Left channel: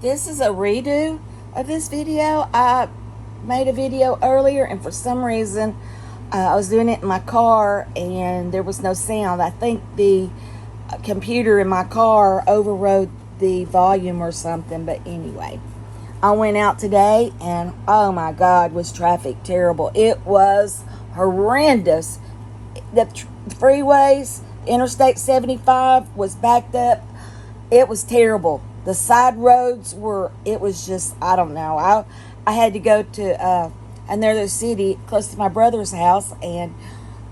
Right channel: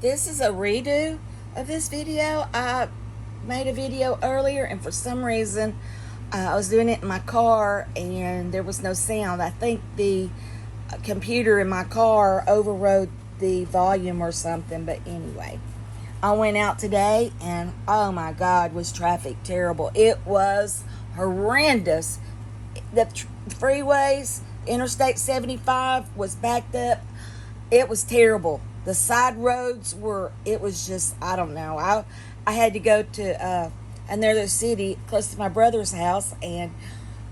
This is a redo of this video. I made a video earlier and for some reason I was doing it in my car and there was no sound. I think the computer in my car overrode the volume or something, but anyway. I went out today and oh my God, was traffic terrible. It was horrendous. The freeways, Interstate 75 was backed up. It was terrible. The side roads were, it was just, I don't know. I had to go to another city close to my brother's house and,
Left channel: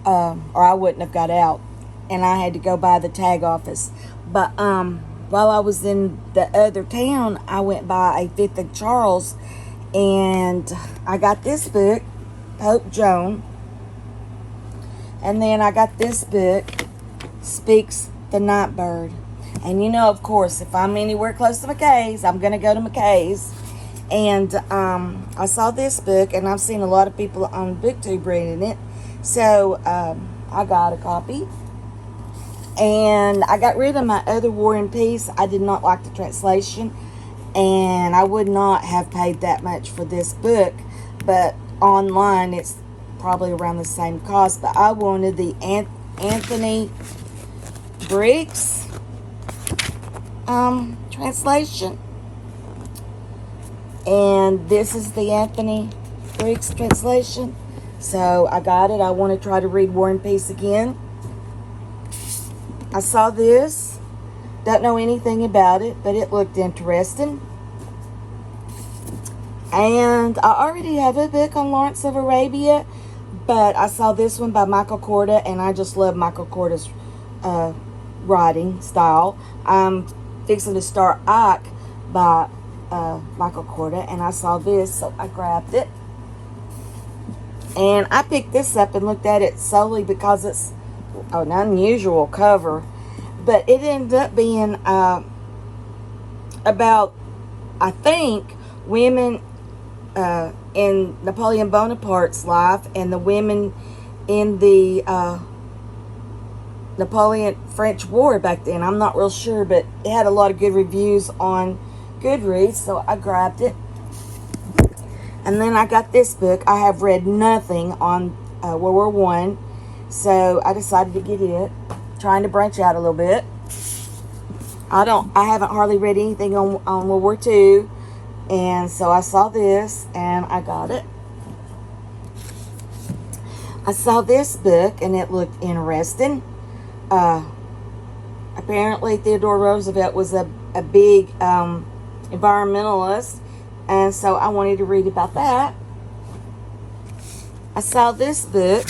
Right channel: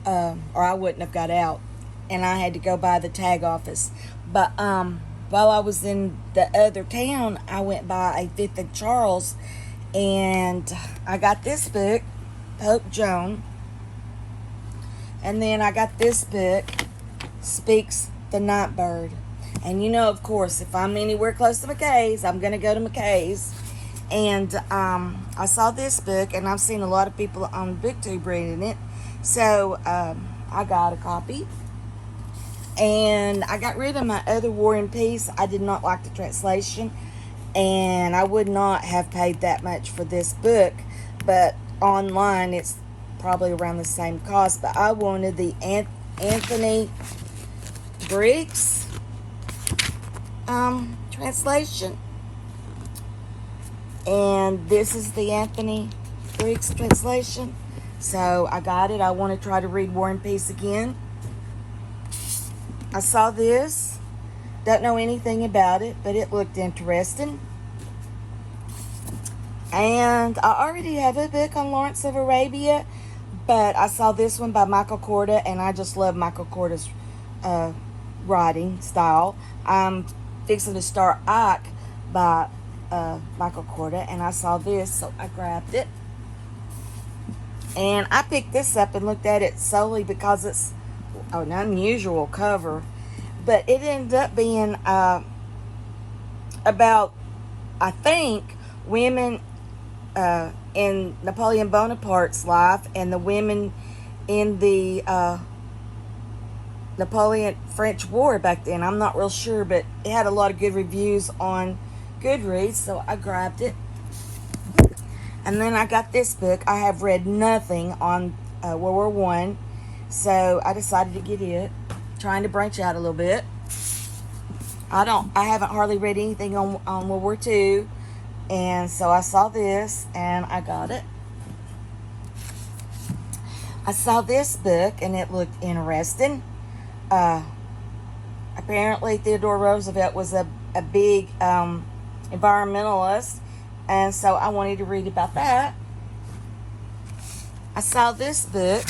or I wouldn't have got out. And I had to go by the tag office. But while I was in the other town, I went by a 5th of Charles and I got this book, Pope Joan. And then I got this book, Speaks the Nightbird. And you know, of course, if I'm anywhere close to McKay's, I'm going to go to McKay's. And I saw this book, and I've seen a lot of people on BookTube reading it. So I got a copy. And I got rid of my other War and Peace. I did not like the translation. And I would not have paid that much for this book. But online, it's probably around the same cost. But I wanted the Anthony Briggs translation, and this is the Anthony Briggs translation, so I got it. I want to try to read War and Peace again. I saw this, don't know anything about it, but it looked interesting. And I already have a book on Lawrence of Arabia, but I saw this one by Michael Korda, and I just love Michael Korda's writing style. I'm fixing to start Ike by Michael Korda, and I saw this, so I grabbed it. And I picked this up and looked at it solely because it's an unusual cover, but it ended up being about, I think, women in Napoleon Bonaparte's life and the women in the Napoleon French War back then. I'm not real sure, but it had a lot of good reviews on Goodreads, so I grabbed it. And then I got this book. I have read nothing on World War I, so I decided to get it, trying to branch out a little bit. I haven't hardly read anything on World War II, and so I saw this and I got it. I saw this book and it looked interesting. Apparently Theodore Roosevelt was a big environmentalist, and so I wanted to read about that. I saw this book,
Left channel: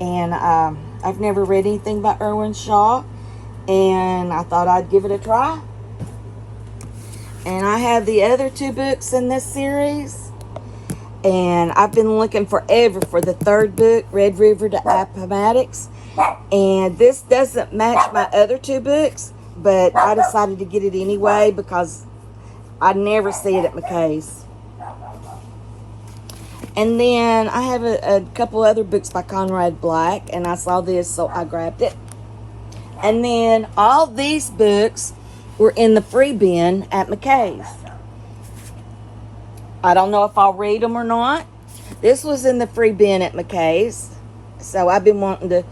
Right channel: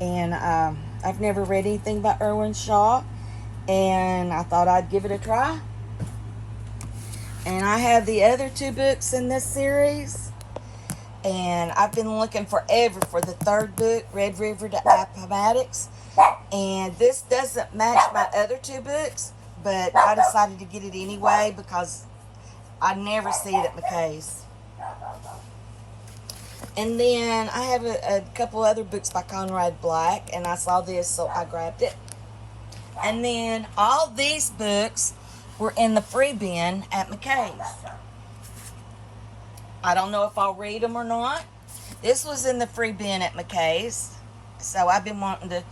and I've never read anything by Irwin Shaw, and I thought I'd give it a try. And I have the other 2 books in this series, and I've been looking forever for the 3rd book, Red River to Appomattox. And this doesn't match my other 2 books, but I decided to get it anyway because I never see it at McKay's. And then I have a couple other books by Conrad Black, and I saw this, so I grabbed it. And then all these books were in the free bin at McKay's. I don't know if I'll read them or not. This was in the free bin at McKay's, so I've been wanting to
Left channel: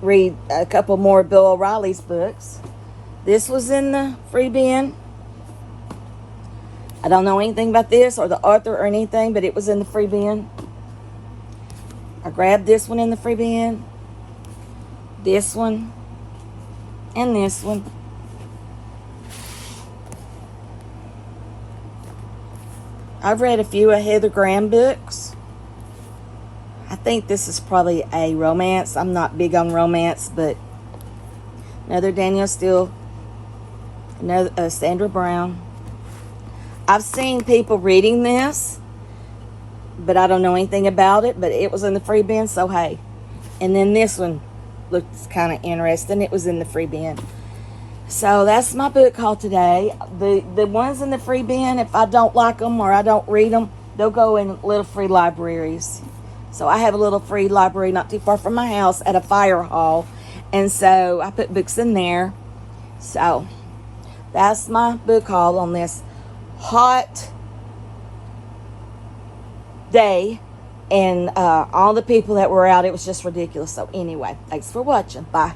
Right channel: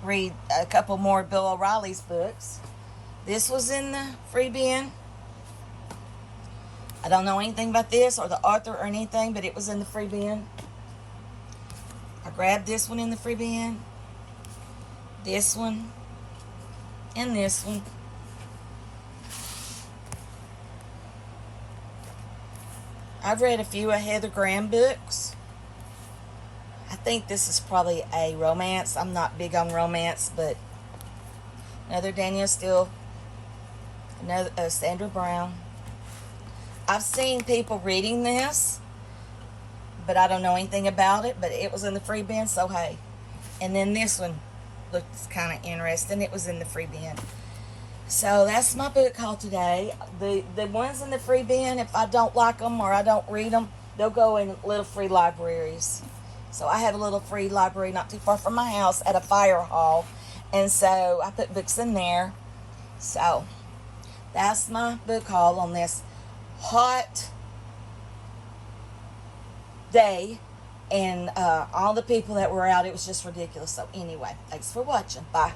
read a couple more Bill O'Reilly's books. This was in the free bin. I don't know anything about this or the author or anything, but it was in the free bin. I grabbed this one in the free bin, this one, and this one. I've read a few of Heather Graham books. I think this is probably a romance. I'm not big on romance, but another Danielle Steele, another Sandra Brown. I've seen people reading this, but I don't know anything about it, but it was in the free bin, so hey. And then this one looked kind of interesting. It was in the free bin. So that's my book haul today. The ones in the free bin, if I don't like them or I don't read them, they'll go in little free libraries. So I have a little free library not too far from my house at a fire hall. And so I put books in there. So that's my book haul on this hot day. And all the people that were out, it was just ridiculous. So anyway, thanks for watching. Bye.